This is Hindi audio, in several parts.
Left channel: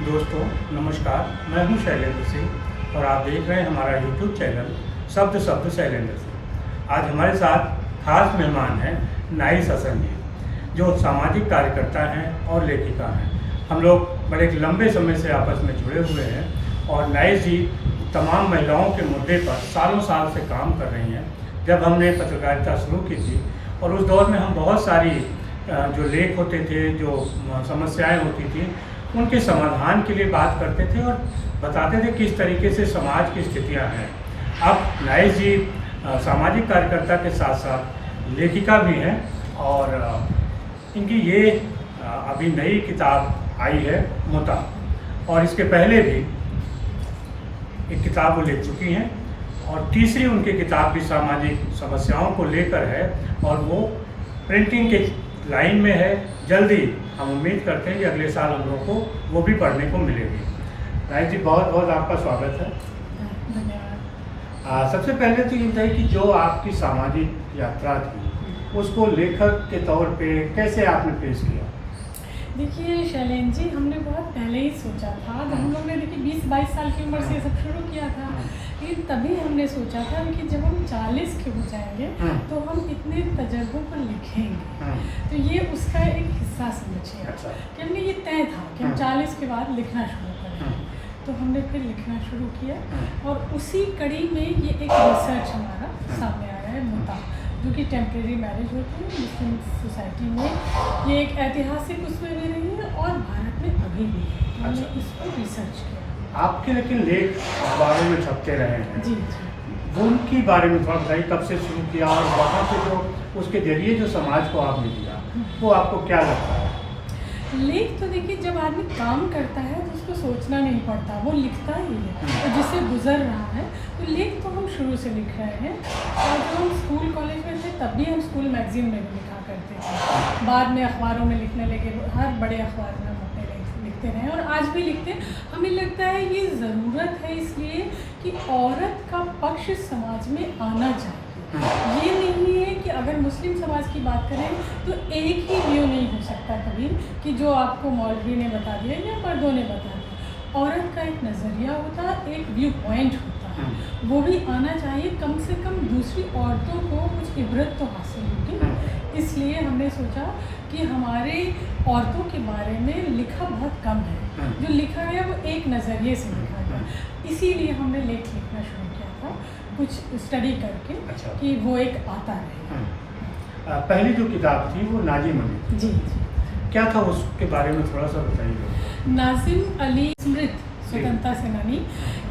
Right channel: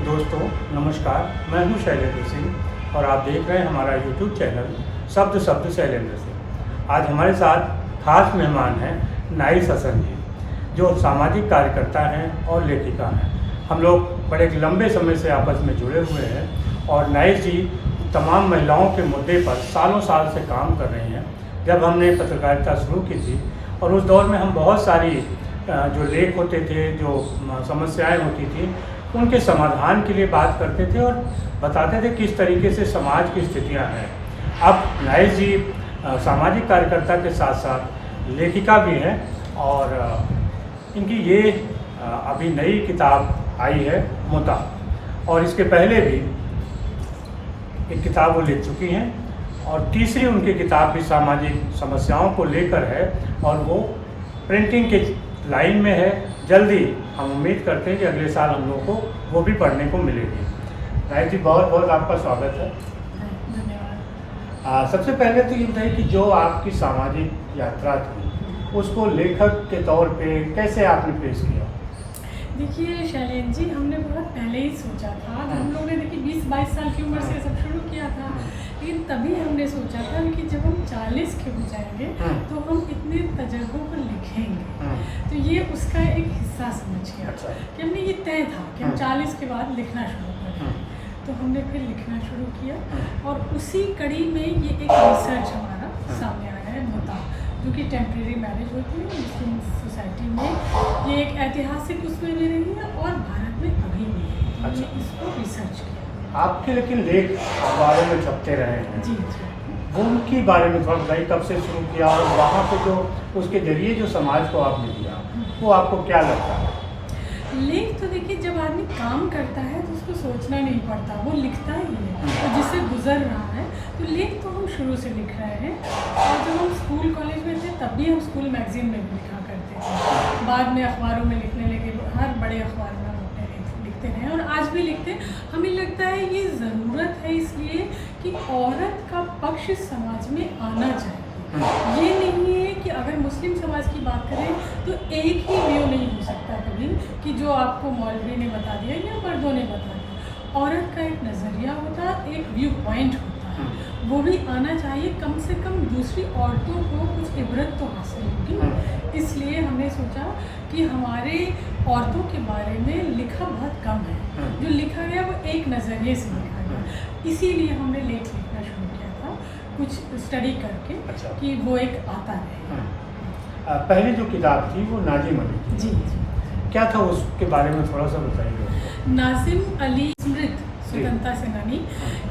दोस्तों नमस्कार, मैं हूं शैलेंद्र सिंह और आप देख रहे हैं हमारा यूट्यूब चैनल शब्द शब्द शैलेंद्र सिंह। आज हमारे साथ खास मेहमान हैं नाइस हसन जी, जो सामाजिक कार्यकर्ता हैं और लेखिका हैं। हम लोग बड़े लंबे समय से आपस में जुड़े हुए हैं और नाइस जी तमाम महिलाओं के मुद्दे पर सालों साल से काम कर रही हैं। जब हमने पत्रकारिता शुरू की थी और उस दौर में हम बहुत सारी जो लेख होते थे, जो समस्याएं होती थी, उनके समाधान के लिए बात करते थे और बताते थे किस तरीके से समाज की स्थितियां हैं। अब नाइस जी सामाजिक कार्यकर्ता के साथ साथ लेखिका भी हैं और इनकी ये अभी नई किताब आई है मुता, और इसके पहले भी एक किताब वो लिख चुकी हैं और तीसरी उनकी किताब भी सामाजिक समस्याओं को लेकर है और वो प्रिंटिंग के लाइन में है। जल्दी हम उम्मीद करते हैं कि अगले साल हम लोगों को वो भी पढ़ने को मिलेगी। नाइस जी, बहुत बहुत आपका स्वागत है। धन्यवाद। सबसे पहले तो ये बताइए कि जो आपकी सामाजिक यात्रा थी उसको लेखक के तौर पे कैसे आपने पेश किया? देखिए शैलेंद्र जी, हमने बहुत पहले ही सोचा था। हम लोग ने देखिए 20-22 साल की उम्र से ये सब शुरू किया था, लेकिन तभी हमने सोचा था कि जब हम 40 के हो जाएंगे तो हम इतने तजर्बों को लिखेंगे। तो ये उसका एक हिस्सा समझिए। अच्छा। कि हमने ये तय था कि हम 40 के बाद लिखना शुरू करेंगे। तो हमने फिर लिखना शुरू किया और उसी कड़ी में ये एक रिसर्च हमारा सामने आया है मुता, जो कि टेम्परेरी मैरिज होती है मुस्लिम सोसाइटी में। ये एक ऐतिहासिक उसमें भी रही है और भारत में अभी भी है। हमने इसको रिसर्च किया। आपके लेकिन लेख अखबारों में छपते रहे हैं जी। वो उनके बारे में थोड़ा बताइए, कब से शुरू किया और वहाँ पे जो उसके जरिए जो समाज को आपने दिया वो आपको क्या लगता है? लेख तो देखिए, जब आदमी काम करता है तो उसको सोचना नहीं पड़ता, वो लिखता ही है और जिससे गुजर रहा है। तो लेख तो हम शुरू से लिख रहे हैं और जब हम स्कूल कॉलेज में थे तब भी हम स्कूल मैगजीन में भी लिखा करते थे। बाद में अखबारों में लिखने लगे, हर बड़े अखबार में हम अपने लिखते रहे और आज भी लिखते हैं। हमें लगता है ये ज़रूरत है इसलिए कि औरत का पक्ष समाज में आना चाहिए। ये नहीं है कि अगर मुस्लिम समाज की बात करें तो एक ही व्यू नहीं हो सकता कभी कि जो आपको मौलवी ने बता दिया या मर्दों ने बता दिया। औरत का एक नज़रिया होता है, एक व्यू पॉइंट होता है, वो भी आना चाहिए। कम से कम दूसरी औरतों को कुछ इबरत तो हासिल होगी। इसलिए हमने सोचा कि हमारे औरतों के बारे में लिखा बहुत कम है, जो लिखा गया वो एक नज़रिए से लिखा गया। इसीलिए हमने लेख लिखना शुरू किया था, कुछ स्टडी करके। अच्छा। कि वो एक आता है। पहली जो किताब थी वो नाजिम अली थी। जी। क्या था उसके बारे में थोड़ा सा बताइए। नाजिम अली स्मृत स्वतंत्रता सेनानी,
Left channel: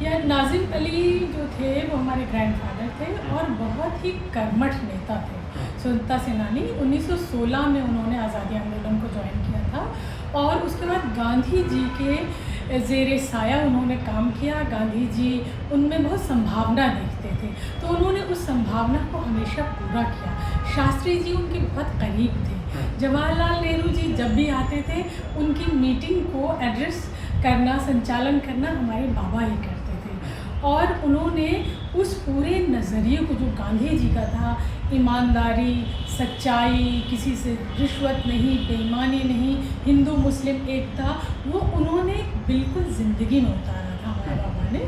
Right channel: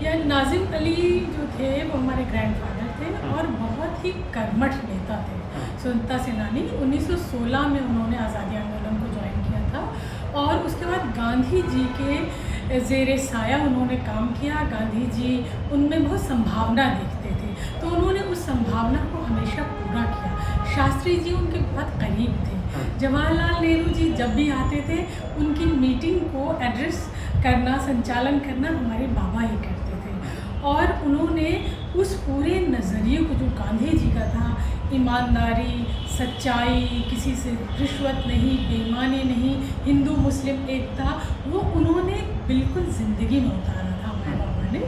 या नाजिम अली जो थे वो हमारे ग्रैंडफादर थे और बहुत ही कर्मठ नेता थे, स्वतंत्रता सेनानी। 1916 में उन्होंने आज़ादी आंदोलन को ज्वाइन किया था और उसके बाद गांधी जी के ज़ेरे साया उन्होंने काम किया। गांधी जी उनमें बहुत संभावना देखते थे तो उन्होंने उस संभावना को हमेशा पूरा किया। शास्त्री जी उनके बहुत करीब थे। जवाहरलाल नेहरू जी जब भी आते थे उनकी मीटिंग को एड्रेस करना, संचालन करना हमारे बाबा ही करते थे। और उन्होंने उस पूरे नज़रिए को जो गांधी जी का था, ईमानदारी, सच्चाई, किसी से रिश्वत नहीं, बेईमानी नहीं, हिंदू मुस्लिम एकता, वो उन्होंने बिल्कुल ज़िंदगी में उतारा था हमारे बाबा ने।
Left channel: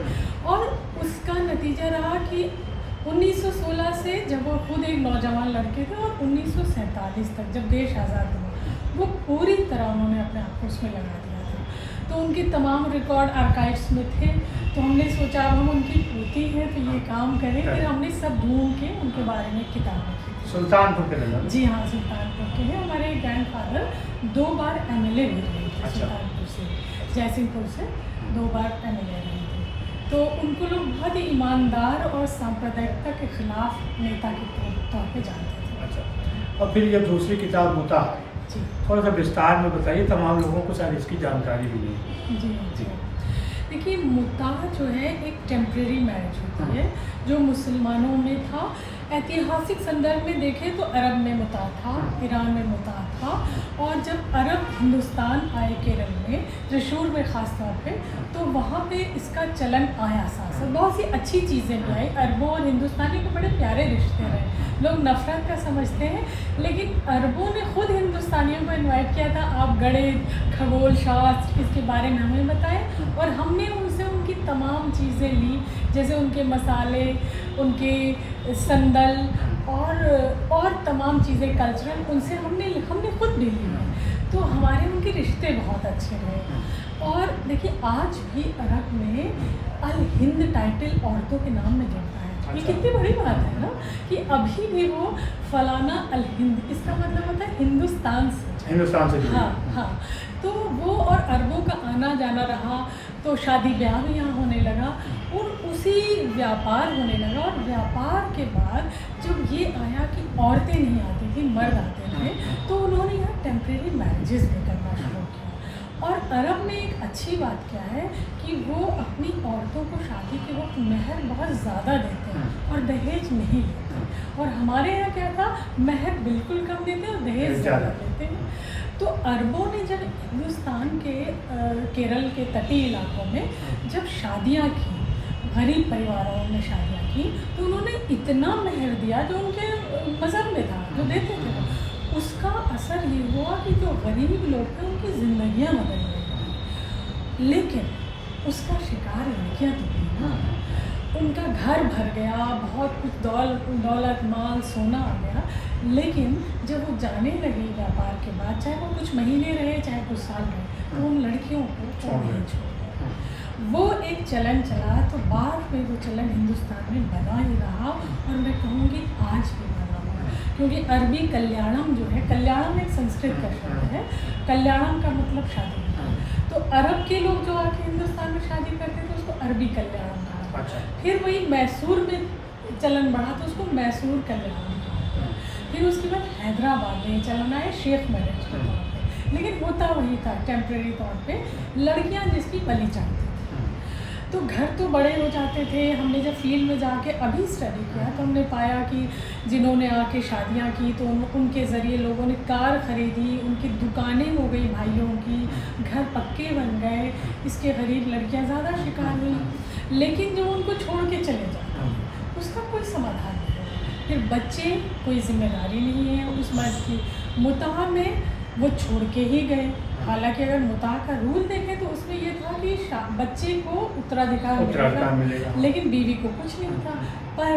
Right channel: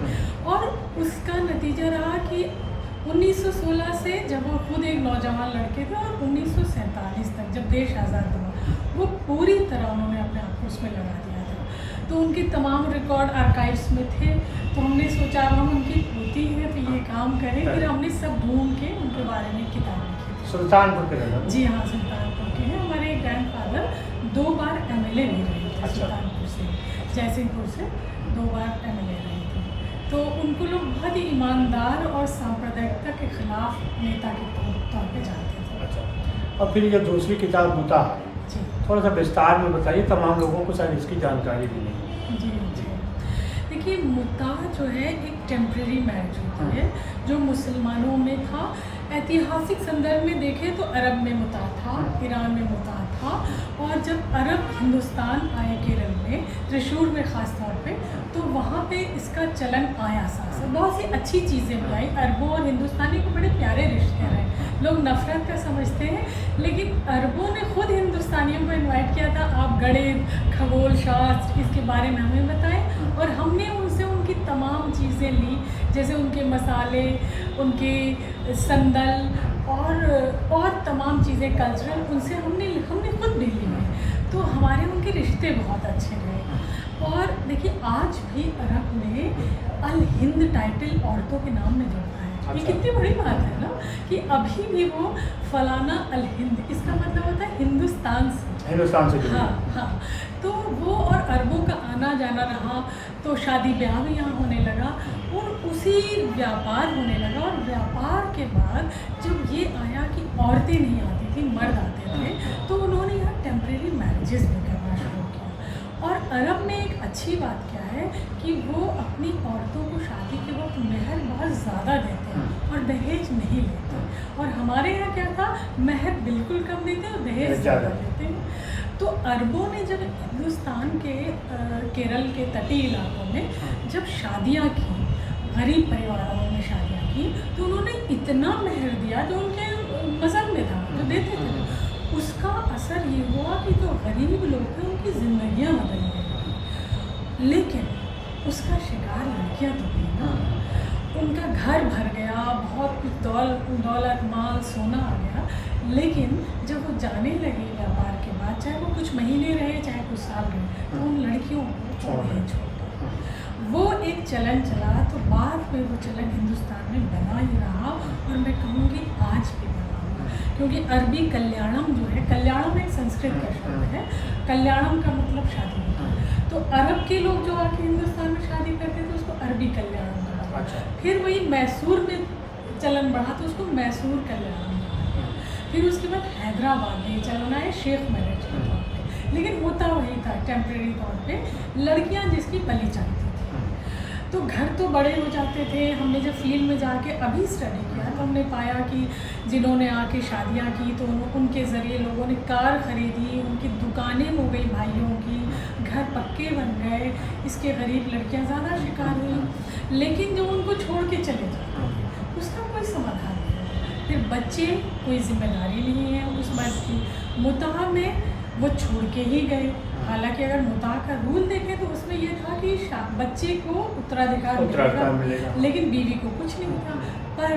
और उसका नतीजा रहा कि 1916 से जब वो खुद एक नौजवान लड़के थे और 1947 तक जब देश आज़ाद हुआ, वो पूरी तरह उन्होंने अपने आप को उसमें लगा दिया था। तो उनके तमाम रिकॉर्ड आर्काइव्स में थे। तो हमने सोचा अब हम उनकी पोती हैं तो ये काम करें। फिर हमने सब ढूंढ के उनके बारे में किताब लिखी। सुल्तानपुर के नगर? जी हाँ, सुल्तानपुर के हैं। हमारे ग्रैंडफादर 2 बार MLA भी रहे थे। अच्छा। सुल्तानपुर से, जयसिंहपुर से 2 बार MLA रहे थे। तो उनको लोग बहुत ही ईमानदार और सांप्रदायिकता के खिलाफ नेता के तौर पे जानते थे। अच्छा। और फिर ये दूसरी किताब मुता आई, थोड़ा सा विस्तार में बताइए, तमाम लोगों को शायद इसकी जानकारी भी नहीं। जी। देखिए, मुता जो है एक टेम्परेरी मैरिज होती है जो मुसलमानों में था, ऐतिहासिक संदर्भ में देखें तो अरब में मुता था, ईरान में मुता था, और जब अरब हिंदुस्तान आए केरल में, त्रिशूर में ख़ास तौर पे, तो वहाँ पे इसका चलन आया साथ। बहुत सी अच्छी चीज़ें भी आई। अरबों और हिंदुस्तानी को बड़े प्यारे रिश्ते रहे। लोग नफ़रत का समझते हैं, लेकिन अरबों ने खुद हिंदुस्तानियों को इनवाइट किया था, आप गणित, खगोल शास्त्र इसके बारे में हमें बताएं, और हमने उनसे उनकी तमाम चीज़ें ली, जैसे उनके मसाले, उनके संदल और तमाम चीज़ें कल्चरल, उनसे हमने खुद भी ली है। तो हमारे उनके रिश्ते बहुत अच्छे रहे। और देखिए, आज भी अरब में अल हिंद टाइटल औरतों के नाम में जुड़ता है। ये कितनी बड़ी बात है ना, कि अभी भी वो फलाना अल हिंद, इसका मतलब होता है हिंदुस्तान से। हाँ। तो वो और अरबों का आना जाना रहा, तो शादी ब्याह भी यहाँ होने लगा, और उसी व्यापार होने लगा। और व्यापार के बाद जब ये आया कि औरतें नहीं आती थी, मर्द आते थे, तो उन्होंने यहाँ टेम्परेरी मैरिजेस भी करना शुरू किया। और अरब में एक अच्छी बात क्या है कि वो अपनी औरतों को शादी के वक्त मेहर बहुत ज़्यादा देते हैं और दहेज नहीं लेते। और हमारे यहाँ क्या था, मेहर बिल्कुल कम देते हैं और दहेज ज़्यादा देते हैं। तो अरबों ने जब हिंदुस्तान के केरल के तटीय इलाकों में जब शादियाँ की, गरीब परिवारों में शादियाँ की, तो उन्होंने इतना मेहर दिया जो उनके मज़हब में था, जो देते थे। उसका असर ये हुआ कि जो गरीब लोग थे उनकी ज़िंदगियाँ बदल गई। लेकिन उसका शिकार लड़कियाँ तो हुई ना। उनका घर भर गया, बहुत कुछ दौलत माल सोना आ गया, लेकिन जब वो जाने लगी व्यापार के बाद, चाहे वो कुछ महीने रहे चाहे कुछ साल रहे, तो उन लड़कियों को नहीं छोड़ा। वो एक चलन चला, तो बाद में वो चलन हिंदुस्तान में बना ही रहा, और मैं कहूँगी आज भी बना हुआ। क्योंकि अरबी कल्याणम जो है, कल्याणम एक संस्कृत का शब्द है, कल्याणम का मतलब शादी। तो अरब के लोग जो आके हिंदुस्तान में शादी करते थे उसको अरबी कल्याणम कहा। अच्छा। फिर वही मैसूर में चलन बढ़ा तो उसको मैसूर कल्याणम कहा। फिर उसके बाद हैदराबाद में चलन आया शेख मैरिज के तौर पे, लेकिन होता वही था टेम्परेरी तौर पे, लड़कियां जिसकी बली चाहती थी। तो घर तो बड़े हो जाते थे। हमने जब फील्ड में जाके अभी स्टडी किया तो हमने पाया कि जिन्होंने आके शादियां की तो उनके ज़रिए लोगों ने कार ख़रीदी, उनकी दुकानें हो गई भाइयों की, घर पक्के बन गए, इसके गरीब लड़कियां ज़्यादा शिकार हुई। लेकिन जो उनको छोड़ के चले जाते उसका कोई समाधान नहीं है। फिर बच्चे, कोई जिम्मेदारी नहीं है उस बात की। मुताह में वो छोड़ के ही गए। हालांकि अगर मुताह का रूल देखें तो उसमें ये था कि बच्चे को उत्तराधिकार मिलेगा, लेकिन बीवी को कुछ नहीं था। पर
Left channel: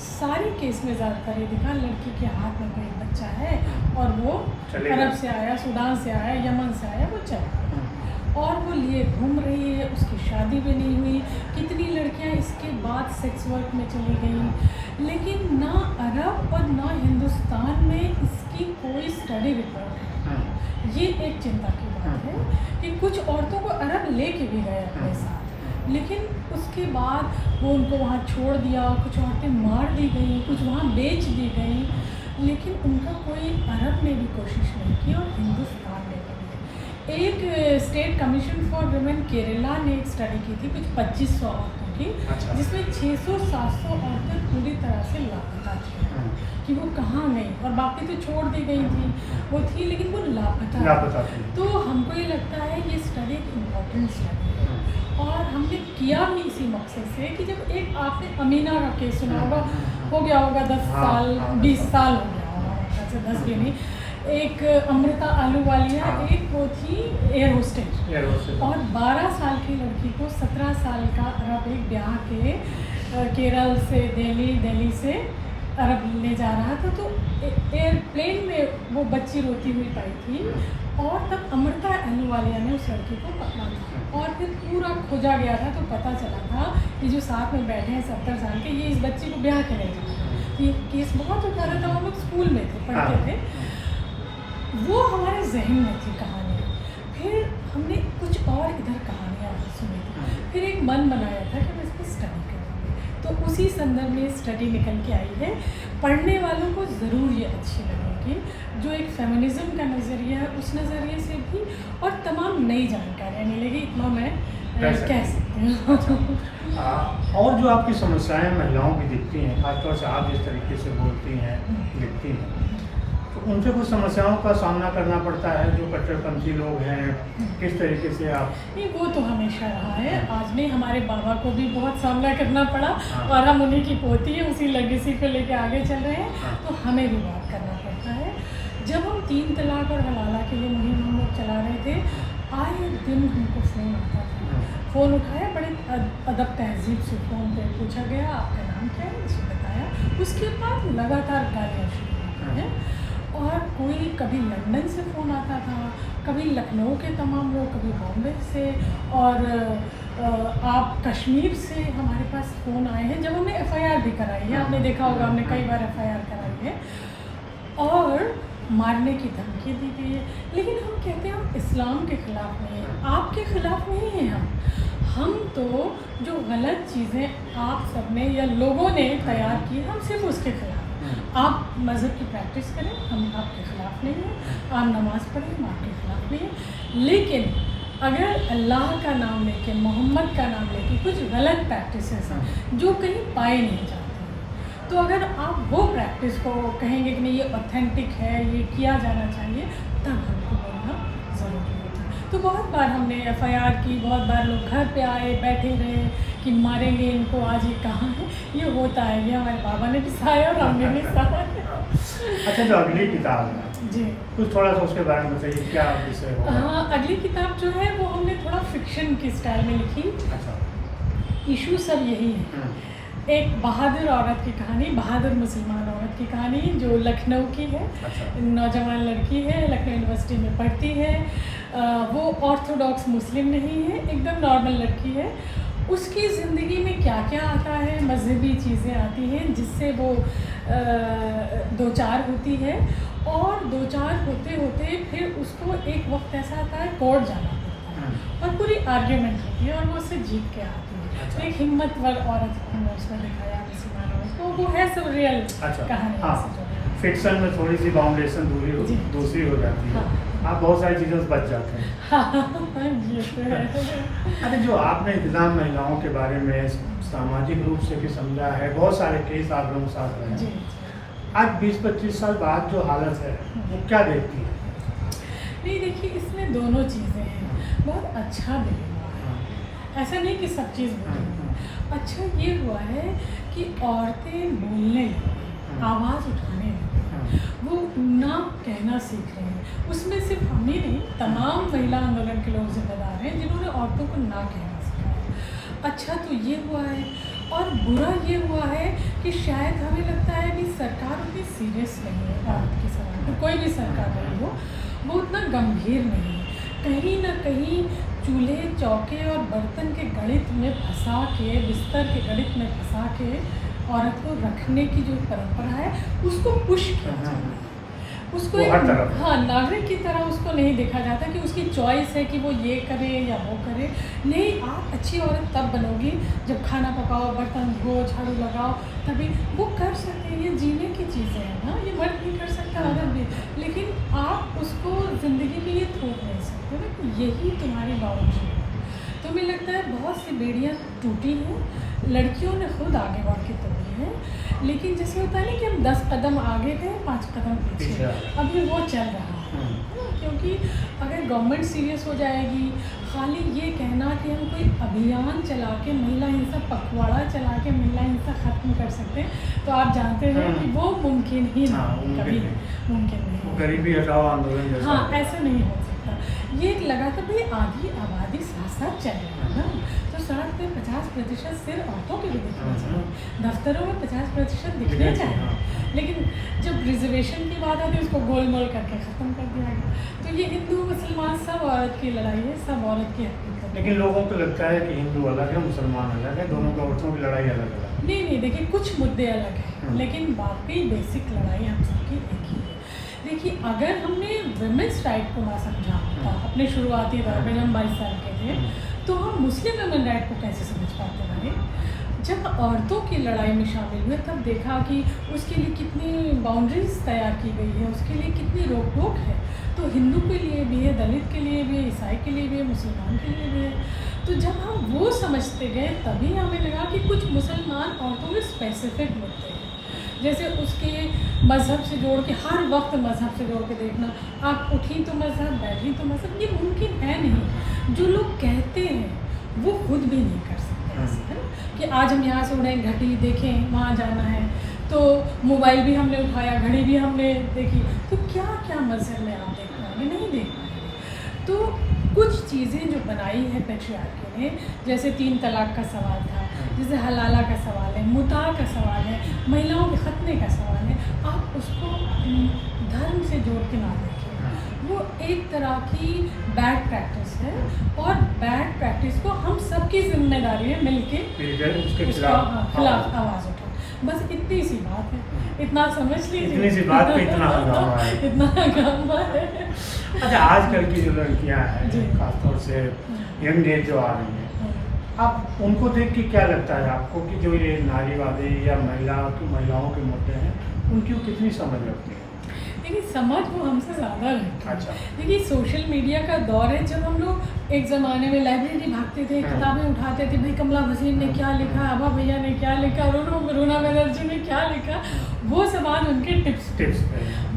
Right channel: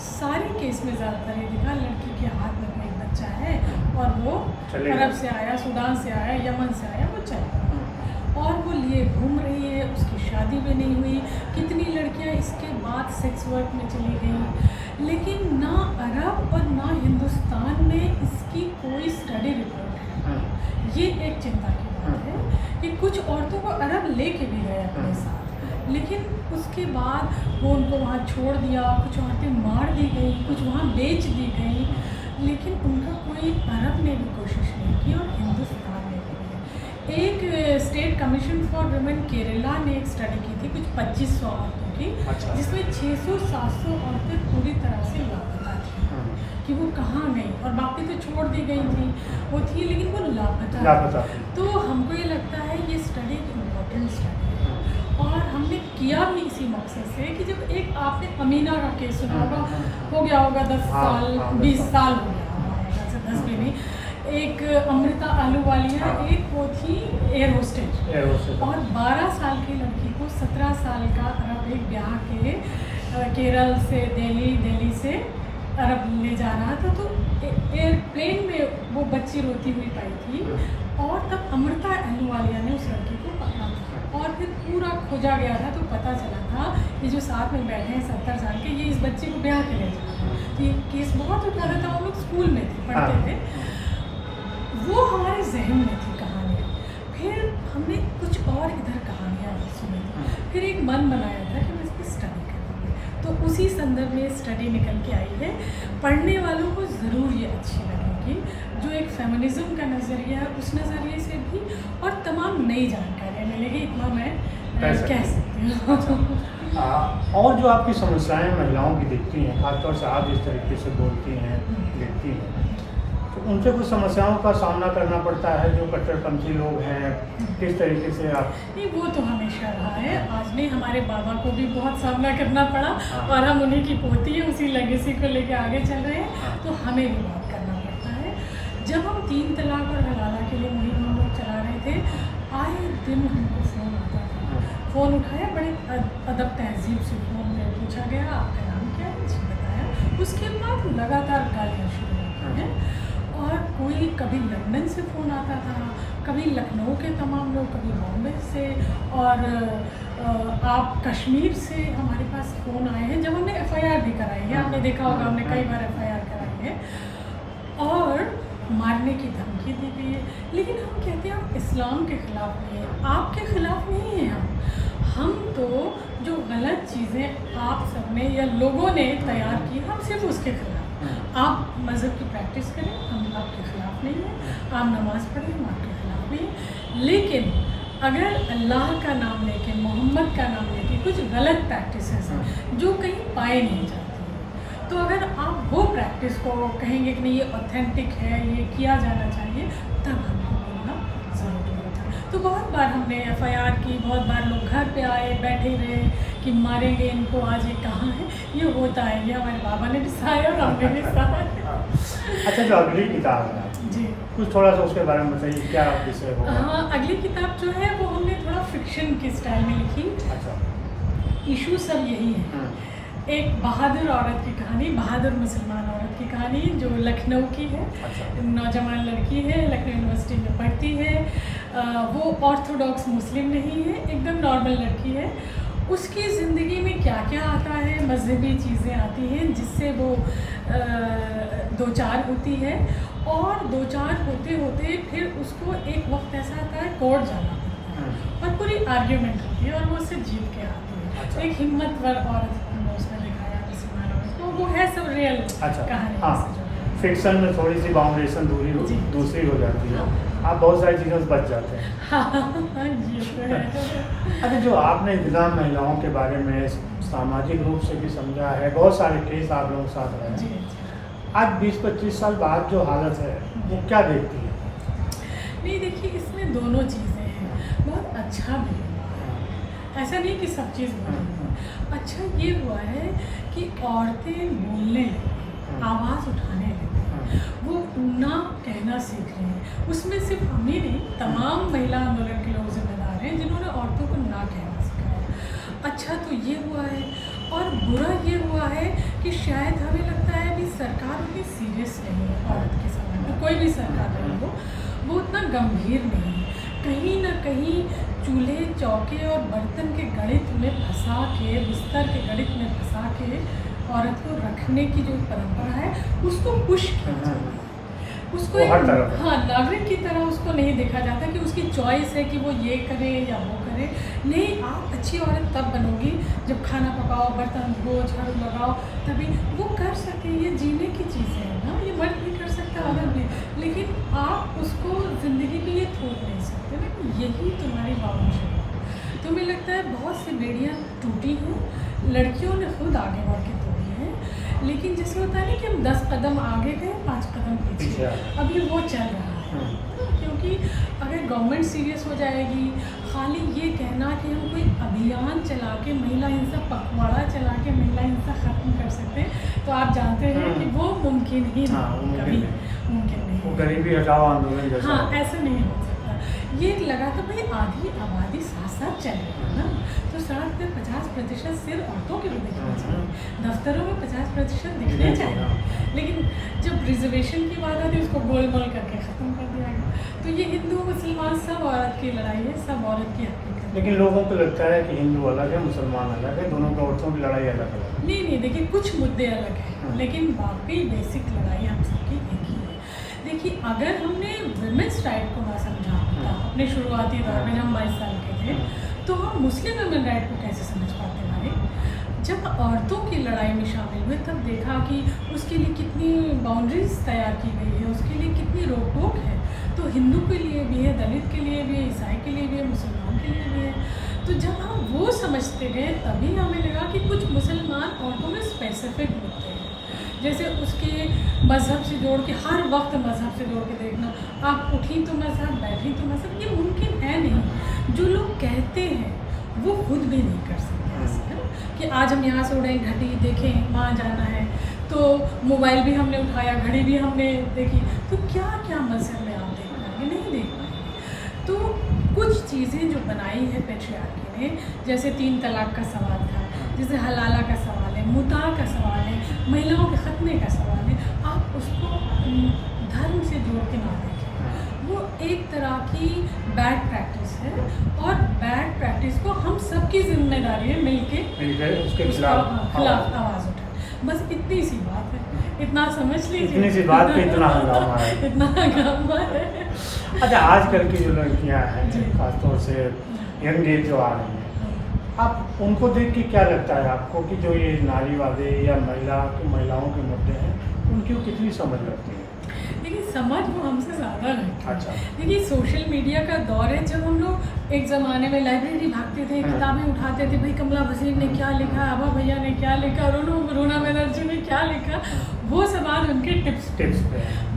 सारे केस में ज़्यादातर ये दिखा लड़की के हाथ में कोई बच्चा है और वो अरब से आया, सूडान से आया, यमन से आया, वो चला और वो लिए घूम रही है, उसकी शादी भी नहीं हुई। कितनी लड़कियां इसके बाद सेक्स वर्क में चली गई। लेकिन ना अरब और ना हिंदुस्तान में इसकी कोई स्टडी रिपोर्ट है। ये एक चिंता की बात है कि कुछ औरतों को अरब लेके भी गए अपने साथ, लेकिन उसके बाद वो उनको वहाँ छोड़ दिया। कुछ औरतें मार दी गई, कुछ वहाँ बेच दी गई, लेकिन उनका कोई अरब ने भी कोशिश नहीं की और हिंदुस्तान ने भी। एक state commission for women Kerala ने एक स्टडी की थी कुछ 2500 औरतों की। अच्छा। जिसमें 600-700 औरतें पूरी तरह से लापता थी कि वो कहाँ गई, और बाकी तो छोड़ दी गई थी, वो थी लेकिन वो लापता थी। तो हमको ये लगता है ये स्टडी एक इम्पोर्टेंट स्टडी है और हमने किया भी इसी मकसद से कि जब एक आपने अमीना का केस सुना होगा, हो गया होगा 10 साल 20 साल हो गया होगा, 10 भी नहीं। एक अमृता आलूवालिया, एक वो थी एयर होस्टेज, और 12 साल की लड़की को 17 साल का अरब एक ब्याह के केरल से दिल्ली से अरब ले जा रहा था। तो एयरप्लेन में वो बच्ची रोती हुई पाई थी, और तब अमृता आलूवालिया ने उस लड़की को पकड़ा था और फिर पूरा खोजा गया था। तो पता चला था कि जो साथ में बैठे हैं 70 साल के, ये इस बच्ची को ब्याह के ले जा रहे हैं। तो ये केस बहुत उठा रहा था, हम लोग स्कूल में थे, पढ़ते थे, वो हमारे जहन में थी कहानी। फिर हमने कुछ और इधर कहानियाँ सुनी, फिर एक मन बनाया था कि हम इसकी स्टडी करेंगे। तो उसी संदर्भ में स्टडी निकल के आई है। पढ़ने वालों को ज़रूर ये अच्छी लगेगी, जो एक फेमिनिज़्म का नज़रिया है उस नज़रिए से भी, और तमाम नई जानकारियाँ मिलेगी, इतना मैं कह सकते हैं। और जो आपकी समस्याएं महिलाओं की दिखती हैं, खासतौर से आप जिस तरीके से बोलती हैं, लिखती हैं, तो उनसे कुछ समस्याओं का सामना करना पड़ता है जो कट्टरपंथी लोग हैं, किस तरीके से आप? नहीं, वो तो हमेशा रहा है। आज नहीं, हमारे बाबा को भी बहुत सामना करना पड़ा और हम उन्हीं की पोती है, उसी लेगेसी को लेके आगे चल रहे हैं, तो हमें भी बहुत करना पड़ता है। जब हम 3 तलाक और हलाला के लिए मुहिम हम लोग चला रहे थे, आए दिन हमको फ़ोन आता था। फ़ोन उठाया, बड़े अदब तहज़ीब से फ़ोन पे पूछा गया आपका नाम क्या है, जी बताया। उसके बाद लगातार गालियाँ शुरू होती हैं। और कोई कभी लंदन से फ़ोन आता था, कभी लखनऊ के तमाम लोग, कभी बॉम्बे से, और आप कश्मीर से हमारे पास फ़ोन आए हैं जब हमने FIR भी कराई है। आपने देखा होगा, हमने कई बार FIR कराई है, और मारने की धमकी दी गई है। लेकिन हम कहते हैं हम इस्लाम के ख़िलाफ़ नहीं हैं, आपके ख़िलाफ़ नहीं हैं हम तो जो गलत चीज़ें आप सब ने या लोगों ने तैयार की, हम सिर्फ उसके खिलाफ। आप मज़हब की प्रैक्टिस करें, हम आपके ख़िलाफ़ नहीं हैं। आप नमाज़ पढ़ें, हम आपके ख़िलाफ़ नहीं हैं। लेकिन अगर अल्लाह का नाम लेके, मोहम्मद का नाम लेके कुछ गलत प्रैक्टिसेस हैं जो कहीं पाए नहीं जाते हैं, तो अगर आप वो प्रैक्टिस को कहेंगे कि नहीं ये ऑथेंटिक है, ये किया जाना चाहिए, तब हमको बोलना ज़रूरी होता है। तो बहुत बार हमने FIR की, बहुत बार लोग घर पे आए, बैठे रहे कि मारेंगे इनको, आज ये कहाँ है। ये होता है, ये हमारे बाबा ने भी सहाया और हमने भी सहाया। अच्छा, जो अगली किताब है जी, कुछ थोड़ा सा उसके बारे में बताइए, क्या विषय होगा? हाँ, अगली किताब जो है वो हमने थोड़ा फिक्शन की स्टाइल में लिखी। अच्छा। इशू सब यही है, एक बहादुर औरत की कहानी, बहादुर मुसलमान औरत की कहानी जो लखनऊ की है। अच्छा। नौजवान लड़की है, लखनऊ यूनिवर्सिटी में पढ़ती है। वो ऑर्थोडॉक्स मुस्लिम नहीं है, एकदम नॉर्मल लड़की है। उसकी ज़िंदगी में क्या क्या आता है, मजहबी चीज़ें आती हैं जिससे वो दो चार होती है, और दो चार होते होते फिर उसको एक वक्त ऐसा आता है कोर्ट जाना पड़ता है और पूरी आर्ग्यूमेंट होती है और वो उससे जीत के आती है। अच्छा। एक हिम्मतवर औरत को हमने उसमें दिखाया, मुसलमान औरत, तो वो है सब रियल अच्छा। कहानी। हाँ, फिक्शन में थोड़ी सी बाउंडेशन दूसरी हो जाती है। आप बहुत सारी चीज़ों से बच जाते हैं। हाँ, ये तो है। अच्छा, जो आपने विकलांग महिलाओं के बारे में सामाजिक रूप से भी समझा है, बहुत सारे केस आप लोगों के साथ रहे जी, हैं, जी। आज 20-25 साल बाद जो हालत है वो क्या देखती है? नहीं, देखिए, इसमें दोनों चीज़ें हैं। बहुत अच्छा भी हुआ है, ऐसा नहीं कि सब चीज़ बुरी है। अच्छा ये हुआ है कि औरतें बोलने लगी, आवाज़ उठाने लगी, वो ना कहना सीख रही हैं। उसमें सिर्फ हम ही नहीं, तमाम महिला आंदोलन के लोग जिम्मेदार हैं जिन्होंने औरतों को ना कहना सिखाया। अच्छा तो ये हुआ है, और बुरा ये हुआ है कि शायद हमें लगता है कि सरकार उतनी सीरियस नहीं है औरत के सवाल पर, कोई भी सरकार रही हो, वो उतना गंभीर नहीं है। कहीं ना कहीं चूल्हे चौके और बर्तन के गणित में फंसा के, बिस्तर के गणित में फंसा के औरत को रखने की जो परंपरा है उसको पुश किया जाता है। उसको हर तरफ, हाँ, नागरिक की तरह उसको नहीं देखा जाता कि उसकी चॉइस है कि वो ये करे या वो करे। नहीं, आप अच्छी औरत तब बनोगी जब खाना पकाओ, बर्तन धो, झाड़ू लगाओ, तभी वो कर सके। ये जीने की चीज़ें हैं ना, ये मर्द भी कर सकता, औरत भी, लेकिन आप उसको ज़िंदगी के लिए थोप नहीं सकते ना कि यही तुम्हारी बाउंड्री है। तो मुझे लगता है बहुत सी बेड़ियाँ टूटी हैं, लड़कियों ने खुद आगे बढ़ के तोड़ी है। लेकिन जैसे होता है ना कि हम 10 कदम आगे गए, 5 कदम पीछे, अभी वो चल रहा है। क्योंकि अगर गवर्नमेंट सीरियस हो जाएगी, खाली ये कहना कि हम कोई अभियान चला के महिला हिंसा, पखवाड़ा चला के महिला हिंसा ख़त्म कर सकते हैं, तो आप जानते हैं कि वो मुमकिन ही नहीं, कभी मुमकिन नहीं। वो गरीबी हटाओ आंदोलन जैसा, हाँ, ऐसा नहीं हो सकता। ये एक लगातार भाई आधी आबादी साथ साथ चल रही है ना, तो सड़क पर 50% सिर औरतों के भी दिखने चाहिए, दफ्तरों में 50% दिखने चाहिए। लेकिन जब रिजर्वेशन की बात आती है उसको गोलमोल करके ख़त्म कर दिया गया। तो ये हिंदू मुसलमान सब औरत की लड़ाई है, सब औरत की हकीकत है। लेकिन लोगों को लगता है कि हिंदू अलग है, मुसलमान अलग है, दोनों की औरतों की लड़ाई अलग अलग है। नहीं, देखिए, कुछ मुद्दे अलग हैं, लेकिन बाकी बेसिक लड़ाई हम सबकी एक ही है। देखिए, अगर हमने वुमेन्स राइट को ना समझा होता अपने शुरुआती दौर में, हम 22 साल के थे, तो हम मुस्लिम वुमेन राइट को कैसे समझ पाते भाई? जब औरतों की लड़ाई में शामिल हुए तब देखा कि उसके लिए कितनी बाउंड्रीज तैयार की गई है, उसके लिए कितनी रोक टोक है। तो हिंदू के लिए भी है, दलित के लिए भी है, ईसाई के लिए भी है, मुसलमान के लिए भी है। तो जब हम वो समझते गए तभी हमें लगा कि कुछ मुसलमान औरतों में स्पेसिफिक होते हैं, जैसे उसके मज़हब से जोड़ के हर वक्त मज़हब से जोड़ के देखना, आप उठी तो मज़हब, बैठी तो मज़हब, ये मुमकिन है नहीं। जो लोग कहते हैं वो खुद भी नहीं कर सकते ऐसे, है ना, कि आज हम यहाँ से उड़ाई घटी देखें वहाँ जाना है, तो मोबाइल भी हमने उठाया, घड़ी भी हमने देखी, तो क्या क्या मज़हब में आप देख पाएंगे, नहीं देख पाएंगे। तो कुछ चीज़ें जो बनाई है पेट्रियार्की ने, जैसे 3 तलाक का सवाल था, जैसे हलाला का सवाल है, मुता का सवाल है, महिलाओं के खतने का सवाल है, आप उसको धर्म से जोड़ के ना देखें। वो एक तरह की बैड प्रैक्टिस है और बैड प्रैक्टिस को हम सबकी जिम्मेदारी है मिलके उसके खिलाफ आवाज़ उठा। बस इतनी सी बात है, इतना समझ लीजिए। इतनी सी बात पे इतना हंगामा है। इतना हंगामा है। अच्छा, आजकल की जो लड़कियां हैं, खासतौर से यंग एज जो आ रही हैं, आप उनको देख के क्या लगता है आपको कि जो ये नारीवादी या महिलाओं के मुद्दे हैं, उनकी कितनी समझ लगती है? देखिए, समझ वो हमसे ज़्यादा रखती है। अच्छा। देखिए, सोशल मीडिया का दौर है। जब हम लोग एक ज़माने में लाइब्रेरी भागते थे, किताबें उठाते थे, भाई कमला वसीम ने क्या लिखा, आभा भैया ने क्या लिखा, रोना बनर्जी ने क्या लिखा, वो सब आज उनके टिप्स पे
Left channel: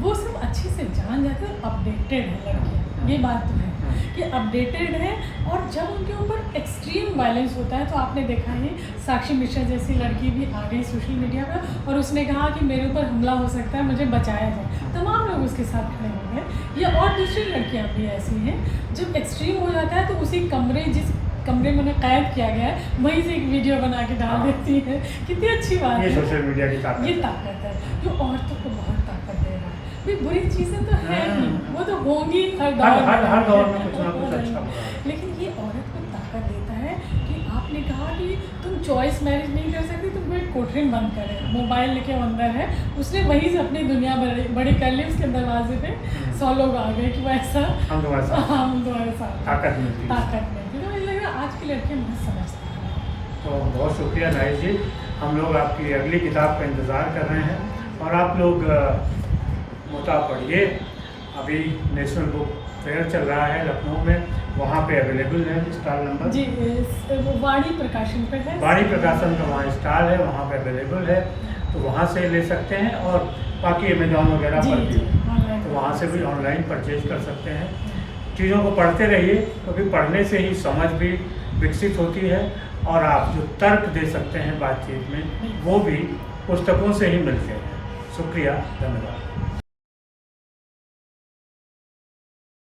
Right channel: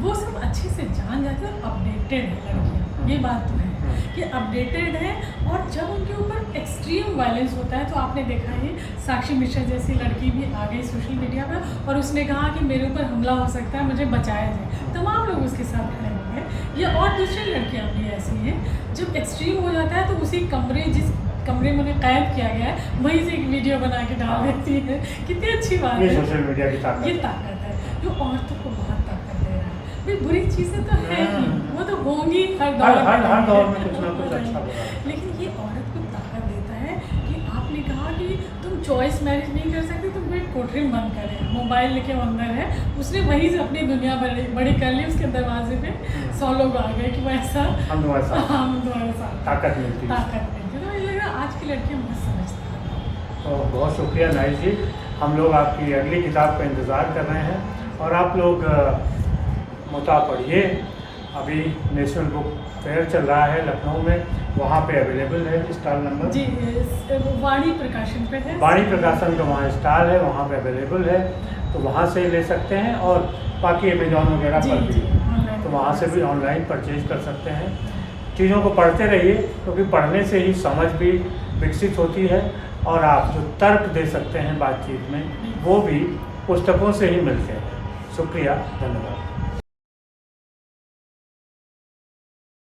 वो सब अच्छे से जान जाते हैं और अपडेटेड है लड़कियाँ। ये बात तो है कि अपडेटेड है। और जब उनके ऊपर एक्सट्रीम वायलेंस होता है, तो आपने देखा है साक्षी मिश्रा जैसी लड़की भी आ गई सोशल मीडिया पर और उसने कहा कि मेरे ऊपर हमला हो सकता है, मुझे बचाया जाए। तमाम लोग उसके साथ खड़े हो गए। या और दूसरी लड़कियां भी ऐसी हैं, जब एक्सट्रीम हो जाता है तो उसी जिस कमरे में उन्हें कैद किया गया है, वहीं से एक वीडियो बना के डाल देती है। कितनी अच्छी बात है, सोशल मीडिया की ताकत। ये ताकत है जो औरतों को बहुत ताकत दे रहा है। भाई बुरी चीज़ें तो है ही, वो तो होंगी हर दौर में कुछ ना कुछ अच्छा बुरा। लेकिन ये औरत को ताकत देता है कि आपने कहा कि तुम चॉइस मैरिज नहीं कर सकती, तुम फिर कोठरी बंद करें, मोबाइल लेके अंदर है, उसने वहीं से अपनी दुनिया बड़ी कर ली। उसके दरवाजे पे 100 लोग आ गए कि वो ऐसा हम तुम्हारे साथ ताकत मिलती। तो मुझे लग रहा आज की लड़कियाँ बहुत समझदार हैं। तो बहुत शुक्रिया नाइस जी, हम लोग आपकी अगली किताब का इंतज़ार कर रहे हैं और आप लोग मुता पढ़िए। अभी नेशनल बुक फेयर चल रहा है लखनऊ में, वहाँ पे अवेलेबल है स्टॉल नंबर जी, वाणी प्रकाशन पे है। वाणी प्रकाशन का वहाँ स्टॉल है, वहाँ पे अवेलेबल है, तो वहाँ से ले सकते हैं। और बाकी अमेजॉन वगैरह पर भी, तो वहाँ से भी ऑनलाइन परचेज कर सकते हैं। चीज़ों को पढ़ते रहिए, क्योंकि पढ़ने से ही समझ भी विकसित होती है और आप जो तर्क दे सकते हैं बातचीत में, वो भी पुस्तकों से ही मिलते हैं। शुक्रिया, धन्यवाद।